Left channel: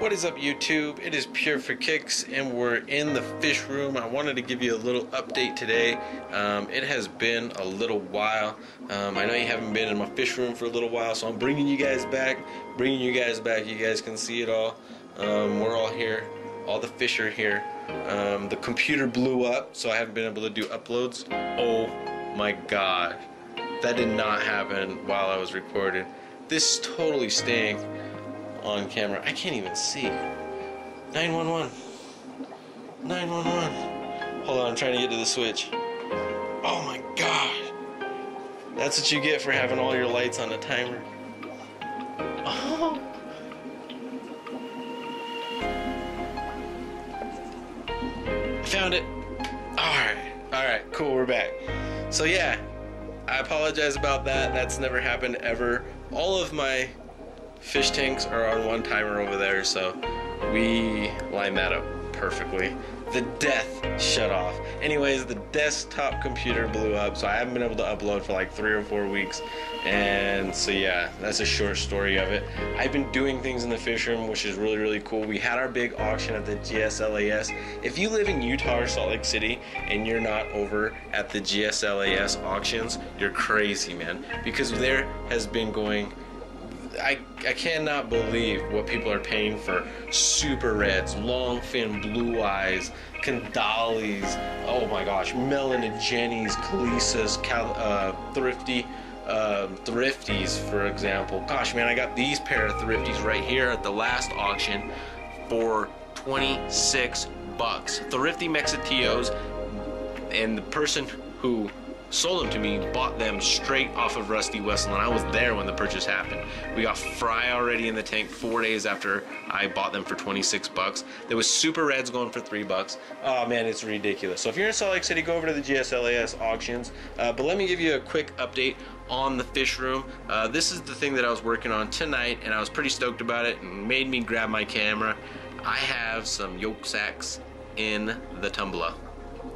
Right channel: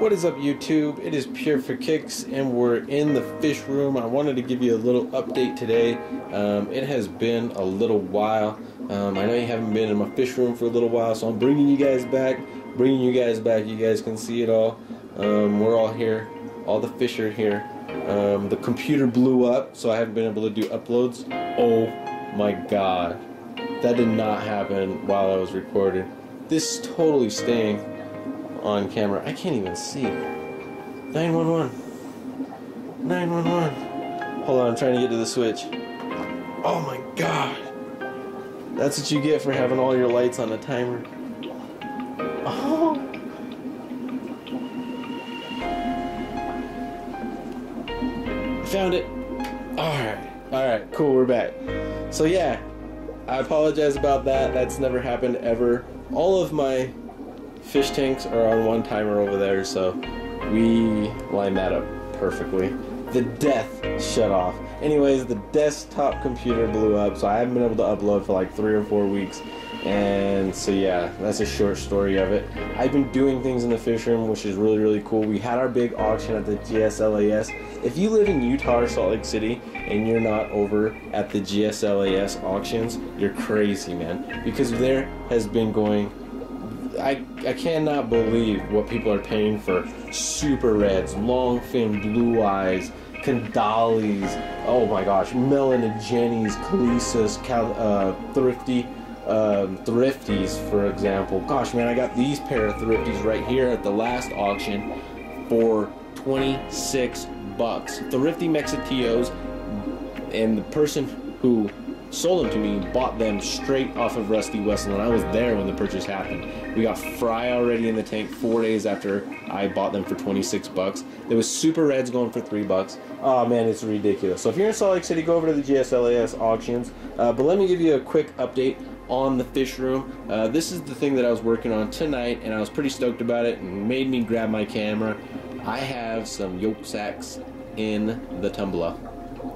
What is up, YouTube? It is Pure for Kicks and we're in the fish room. I wanted to give you a little update today. It has been a little while. I know you haven't been in my fish room for a little while, so I'm bringing you guys back. You guys can see it all. We're all here. All the fish are here. The computer blew up, so I haven't been able to do uploads. Oh my god. That did not happen while I was recording. This is totally staying on camera. I can't even see. 911. 911. Hold on, I'm trying to get to the switch. Oh my god. That's what you get for having all your lights on a timer. Oh. I found it. Alright, cool, we're back. So yeah, I apologize about that. That's never happened ever. All of my fish tanks are on one timer over there, so we lined that up perfectly. The death shut off. Anyways, the desktop computer blew up, so I haven't been able to upload for like 3 or 4 weeks. And so yeah, that's a short story of it. I've been doing things in the fish room, which is really cool. We had our big auction at the GSLAS. If you live in Utah or Salt Lake City and you're not over at the GSLAS auctions, you're crazy, man. Because there has been going, I cannot believe what people are paying for super reds, long fin blue eyes, Candalis, oh my gosh, Melon and Jenny's, Khaleesas, Thrifties, for example. Gosh, man, I got these pair of Thrifties right here at the last auction for 26 bucks. Thrifty Mexitillos, and the person who sold them to me bought them straight off of Rusty Wessel, and I was there when the purchase happened. We got fry already in the tank 4 days after I bought them for 26 bucks. There was super reds going for 3 bucks. Oh man, it's ridiculous. So if you're in Salt Lake City, go over to the GSLAS auctions. But let me give you a quick update on the fish room. This is the thing that I was working on tonight, and I was pretty stoked about it and made me grab my camera. I have some yolk sacks in the tumbler.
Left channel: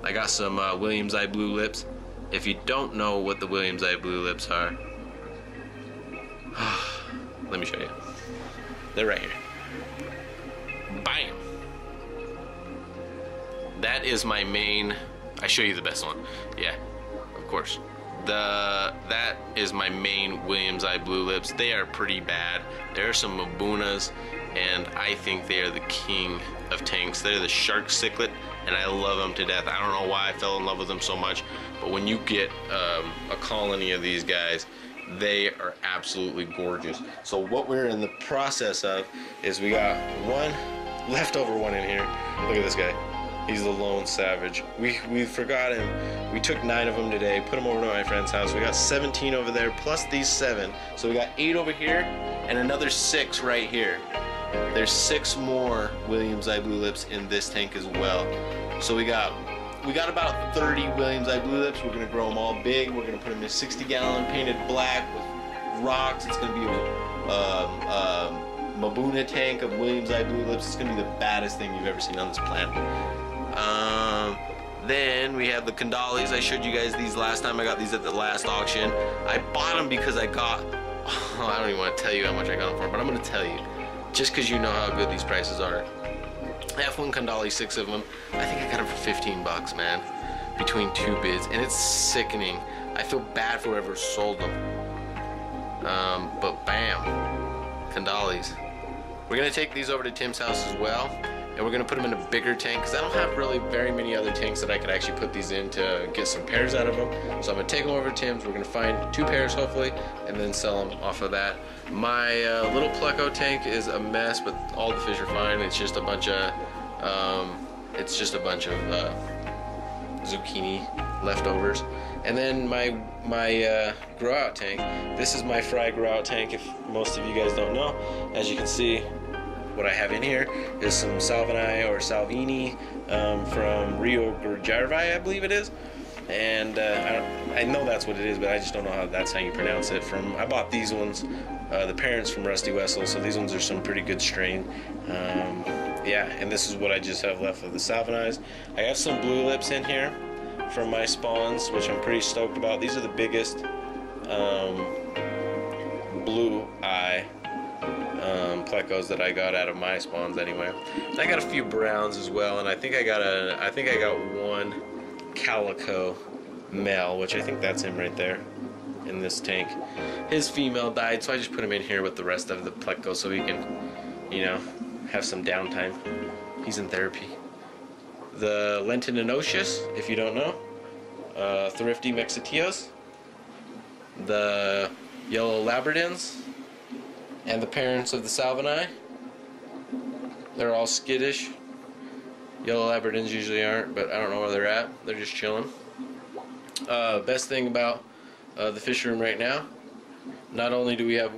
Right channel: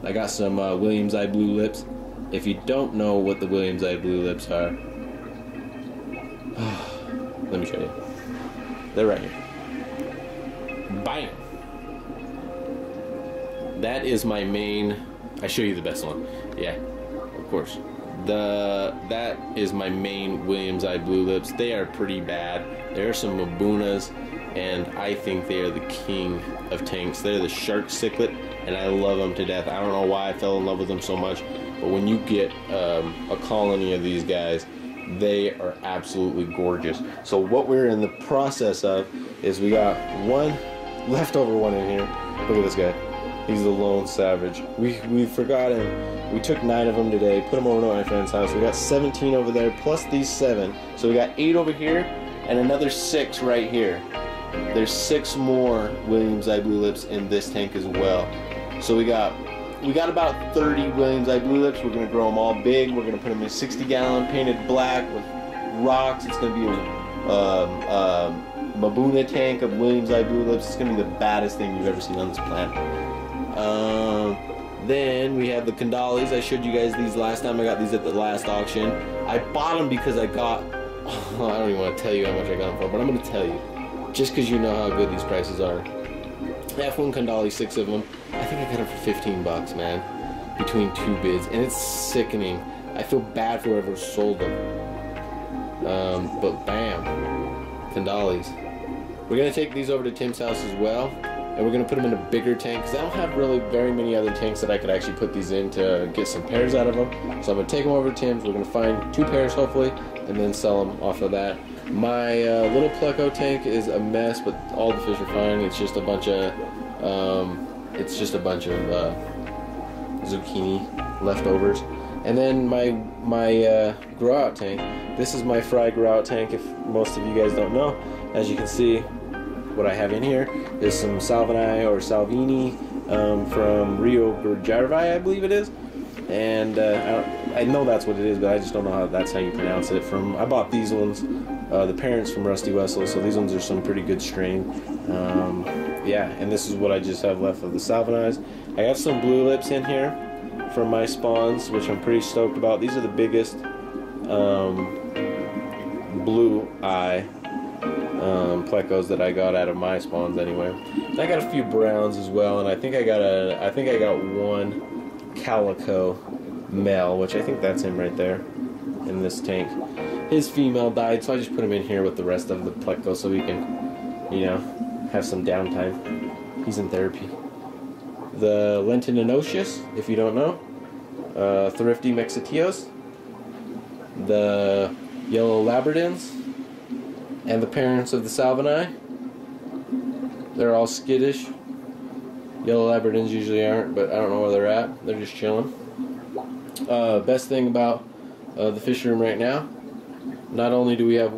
I got some Williams Eye Blue Lips. If you don't know what the Williams Eye Blue Lips are, let me show you. They're right here. Bam! That is my main. I show you the best one. Yeah, of course. That is my main Williams Eye Blue Lips. They are pretty bad. There are some Mabunas, and I think they are the king of tanks. They're the shark cichlid, and I love them to death. I don't know why I fell in love with them so much, but when you get a colony of these guys, they are absolutely gorgeous. So what we're in the process of is we got one leftover one in here. Look at this guy. He's the lone savage. We forgot him. We took 9 of them today, put them over to my friend's house. We got 17 over there, plus these 7. So we got 8 over here, and another 6 right here. There's 6 more Williams Eye Blue Lips in this tank as well. So we got about 30 Williams Eye Blue Lips. We're gonna grow them all big. We're gonna put them in 60-gallon painted black with rocks. It's gonna be a Mabuna tank of Williams Eye Blue Lips. It's gonna be the baddest thing you've ever seen on this planet. Then we have the Candalis. I showed you guys these last time. I got these at the last auction. I bought them because I got, I don't even want to tell you how much I got them for, but I'm going to tell you, just because you know how good these prices are. F1 Candali, 6 of them. I think I got them for 15 bucks, man, between 2 bids, and it's sickening. I feel bad for whoever sold them. But bam, Candalis. We're going to take these over to Tim's house as well. And we're going to put them in a bigger tank because I don't have really very many other tanks that I could actually put these in to get some pairs out of them. So I'm going to take them over to Tim's. We're going to find 2 pairs hopefully and then sell them off of that. My little Pleco tank is a mess, but all the fish are fine. It's just a bunch of zucchini leftovers. And then my grow out tank. This is my fry grow out tank, if most of you guys don't know. As you can see, what I have in here is some Salvini or Salvini from Rio Grande, I believe it is. And I know that's what it is, but I just don't know how that's how you pronounce it. I bought these ones, the parents from Rusty Wessel, so these ones are some pretty good strain. Yeah, and this is what I just have left of the Salvinis. I have some blue lips in here from my spawns, which I'm pretty stoked about. These are the biggest blue eye plecos that I got out of my spawns anyway. And I got a few browns as well, and I think I got one calico male, which I think that's him right there in this tank. His female died, so I just put him in here with the rest of the plecos so he can, you know, have some downtime. He's in therapy. The Lentinosius, if you don't know, Thrifty Mexitios, the Yellow Labradins, and the parents of the Salvini. They're all skittish. Yellow Labradins usually aren't, but I don't know where they're at. They're just chilling. Best thing about the fish room right now, not only do we have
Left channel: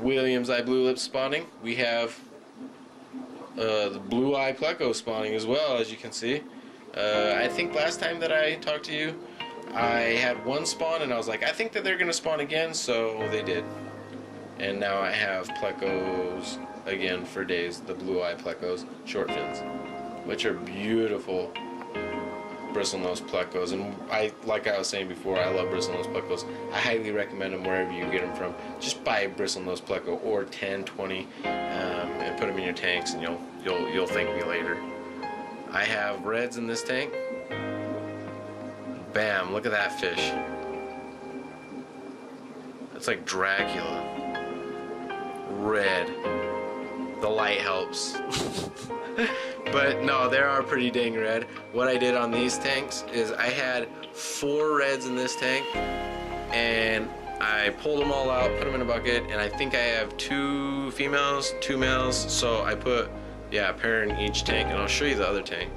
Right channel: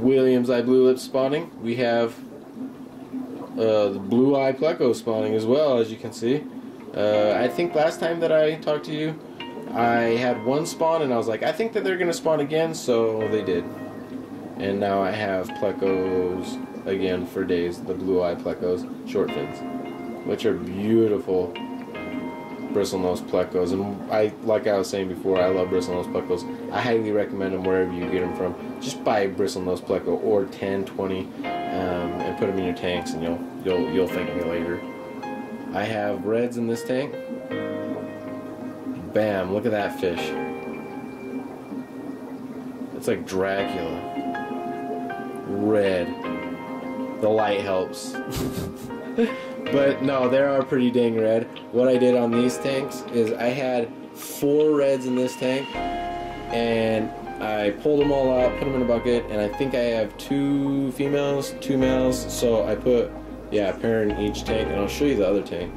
Williams Eye Blue Lips spawning, we have the Blue Eye Pleco spawning as well, as you can see. I think last time that I talked to you, I had one spawn and I was like, I think that they're going to spawn again, so they did. And now I have Plecos again for days, the Blue Eye Plecos, short fins, which are beautiful bristlenose plecos. And like I was saying before, I love bristlenose plecos. I highly recommend them wherever you get them from. Just buy a bristlenose pleco or 10, 20, and put them in your tanks, and you'll thank me later. I have reds in this tank. Bam! Look at that fish. It's like Dracula. Red. The light helps. But no, they are pretty dang red. What I did on these tanks is I had 4 reds in this tank, and I pulled them all out, put them in a bucket, and I think I have 2 females, 2 males, so I put, yeah, a pair in each tank, and I'll show you the other tank.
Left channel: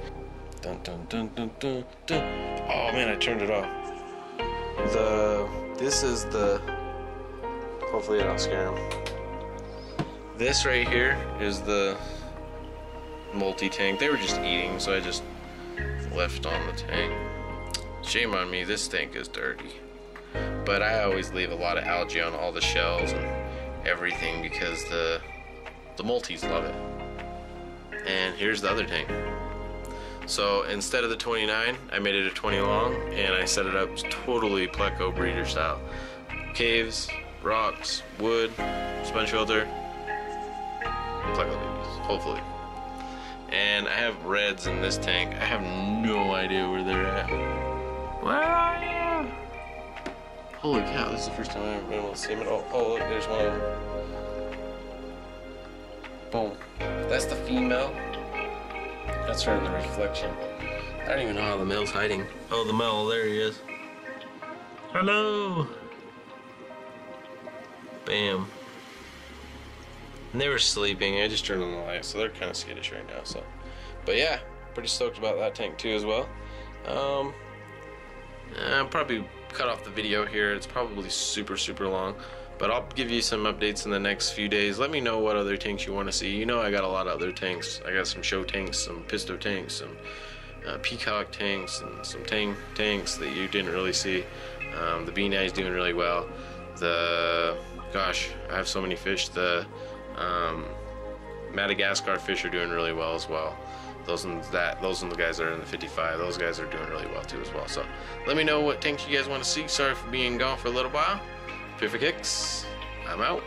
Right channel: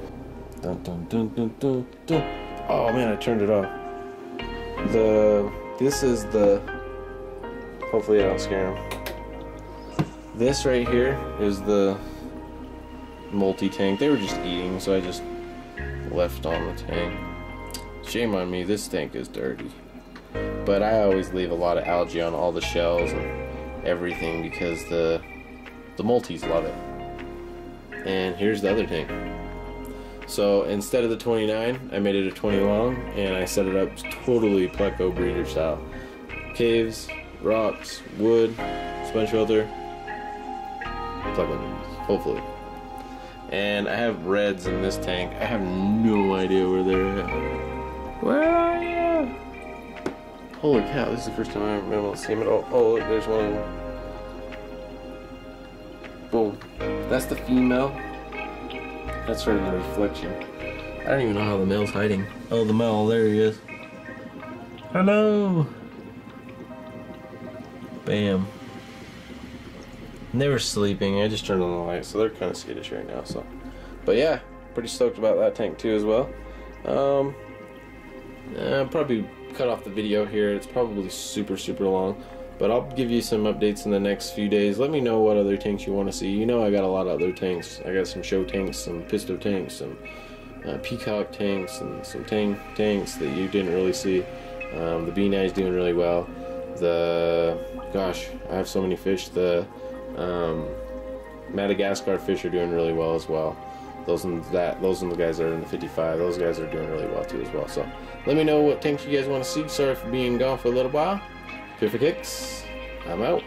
Dun, dun, dun, dun, dun, dun. Oh man, I turned it off. This is the, hopefully I don't scare him. This right here is the multi-tank. They were just eating, so I just left on the tank. Shame on me, this tank is dirty. But I always leave a lot of algae on all the shells and everything because the multis love it. And here's the other tank. So instead of the 29, I made it a 20 long, and I set it up totally Pleco breeder style. Caves, rocks, wood, sponge filter, Pleco babies, hopefully. And I have reds in this tank. I have no idea where they're at. Where are you? Holy cow, this is the first time I've been able to see them at all. Oh, look, there's one. Boom. That's the female. That's her in the reflection. I don't even know how the male's hiding. Oh, the male, there he is. Hello. Bam. And they were sleeping. I just turned on the light, so they're kind of skittish right now. So, but yeah, pretty stoked about that tank too as well. I'll probably cut off the video here. It's probably super long, but I'll give you some updates in the next few days. Let me know what other tanks you want to see. You know, I got a lot of other tanks. I got some show tanks, some pisto tanks, some peacock tanks, and some tanks that you didn't really see. The B9 is doing really well. Gosh, I have so many fish. The Madagascar fish are doing really well as well. Those are the guys that are in the 55. Those guys are doing really well too as well. So let me know what tanks you guys want to see. Sorry for being gone for a little while. Pure for kicks. I'm out.